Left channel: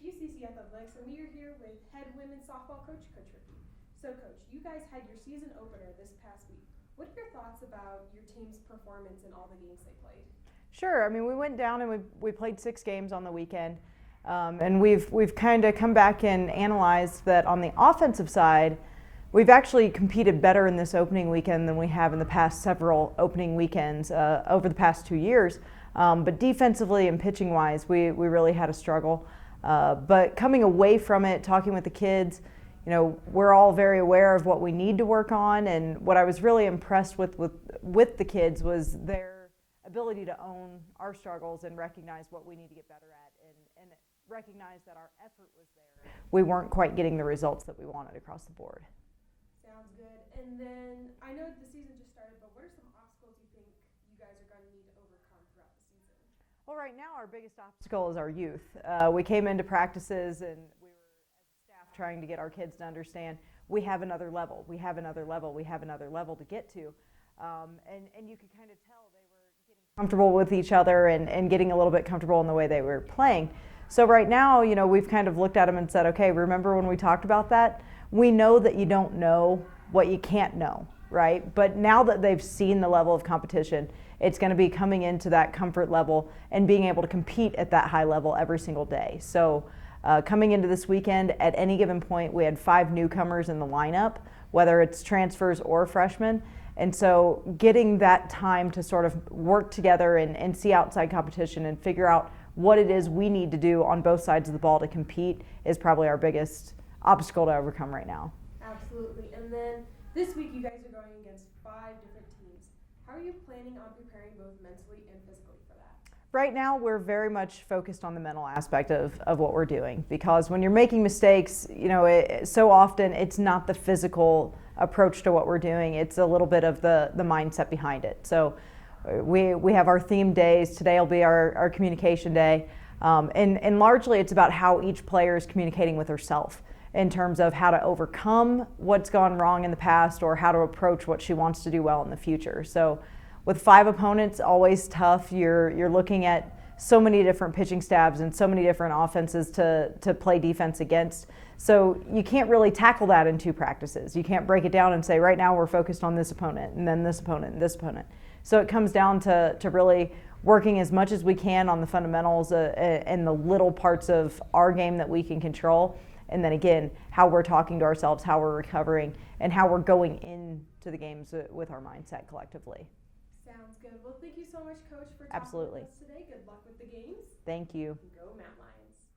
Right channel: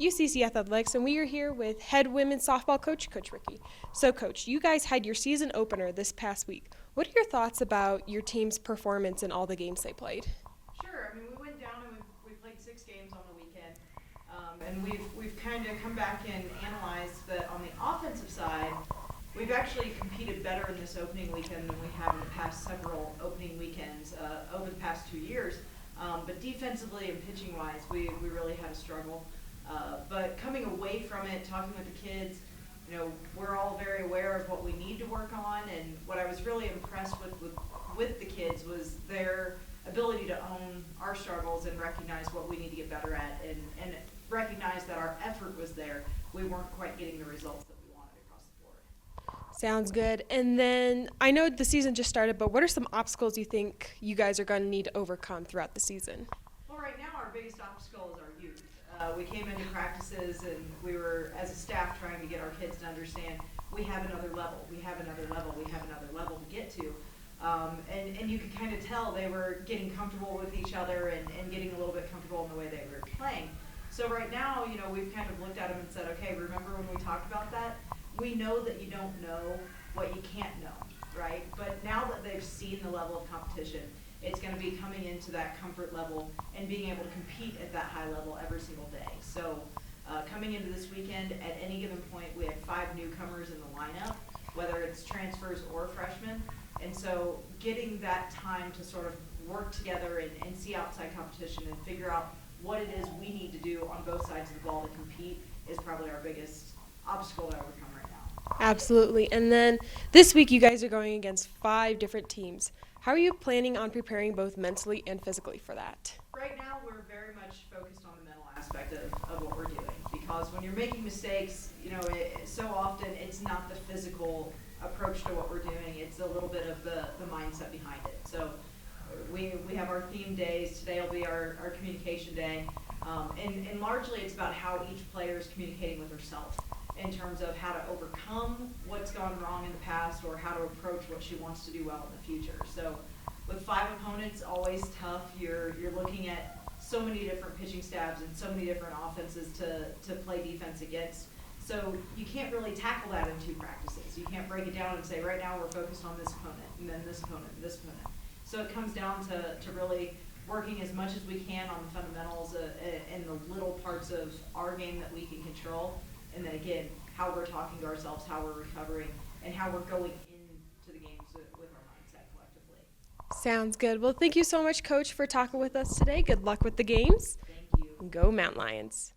UCC Athletics, and we are here with head women's softball coach, Coach Ricki. So, Coach, you guys had your season opener this past week. What are your thoughts about your team's performance in all the games they played? Sure. I mean, we went down and we played 6 games on the weekend, and we've kind of come back and analyzed that on the offensive side, we've actually competed better in this opening weekend than we have in the past several opening weekends over the past 2 years. But defensively and pitching-wise, we really had a struggle. But coming away from it, talking with the kids, you know, we're all very aware of what we need to work on. And what I was really impressed with the kids was their ability to own our struggles and recognize what we need to get better at and recognize that our effort was there. We weren't quite getting the results that we wanted across the board. Sounds good. And then I know the season just started, but what are some obstacles you think you guys are going to need to overcome throughout the season? Well, right now our biggest obstacle is our youth. We came into practices and we were, as a staff, trying to get our kids to understand we have another level, we have another level, we have another level to get to. And you could kind of tell they were getting comfortable with each other and getting a little bit comfortable in the way they were playing. So right now, you know, we've kind of looked at them and said, okay, remember when we talked about that? We know that you don't know what you can't know, right? But now that they've seen the level of competition, it's going to be coming into that comfort level and being able to compete at that high level every single day. So coming into this weekend, at any given point, we had 5 newcomers in the lineup, whether it's transfers or freshmen. And so getting that time to sort of work together and see outside competition and figure out what it is we need to do on both sides of the ball to compete is probably our biggest obstacle to overcome right now. Absolutely. And then this week you guys are going against 5 different teams. How are you planning on preparing both mentally and physically for that? Right now we're very much focused on the mental aspect of what we're doing, because when you're making mistakes, you know, so often it's not the physical approach to what we're doing, it's a little bit of the mindset behind it. So we have our theme days. Today will be our communication day, and largely it's about how each player is communicating with herself in terms of how to overcome what's gone wrong in the past or how to approach what she wants to do well in the future. So with 5 opponents, always tough. You're looking at so many different pitching stabs and so many different offenses to play defense against. So you can't really tackle that in 2 practices. You can't break it down and say, right now we're focused on this opponent and then this opponent and this opponent. So it comes down to really working as much as we can on the fundamentals and the little parts of our game that we can control. And then again, how we're talking to ourselves, how we're recovering, and how we're going into the games with our mindset collectively. Sounds good. Well, thank you so much, Coach, for talking Absolutely. with us today. Good luck with the games. Thank you. Go Mountain Lions.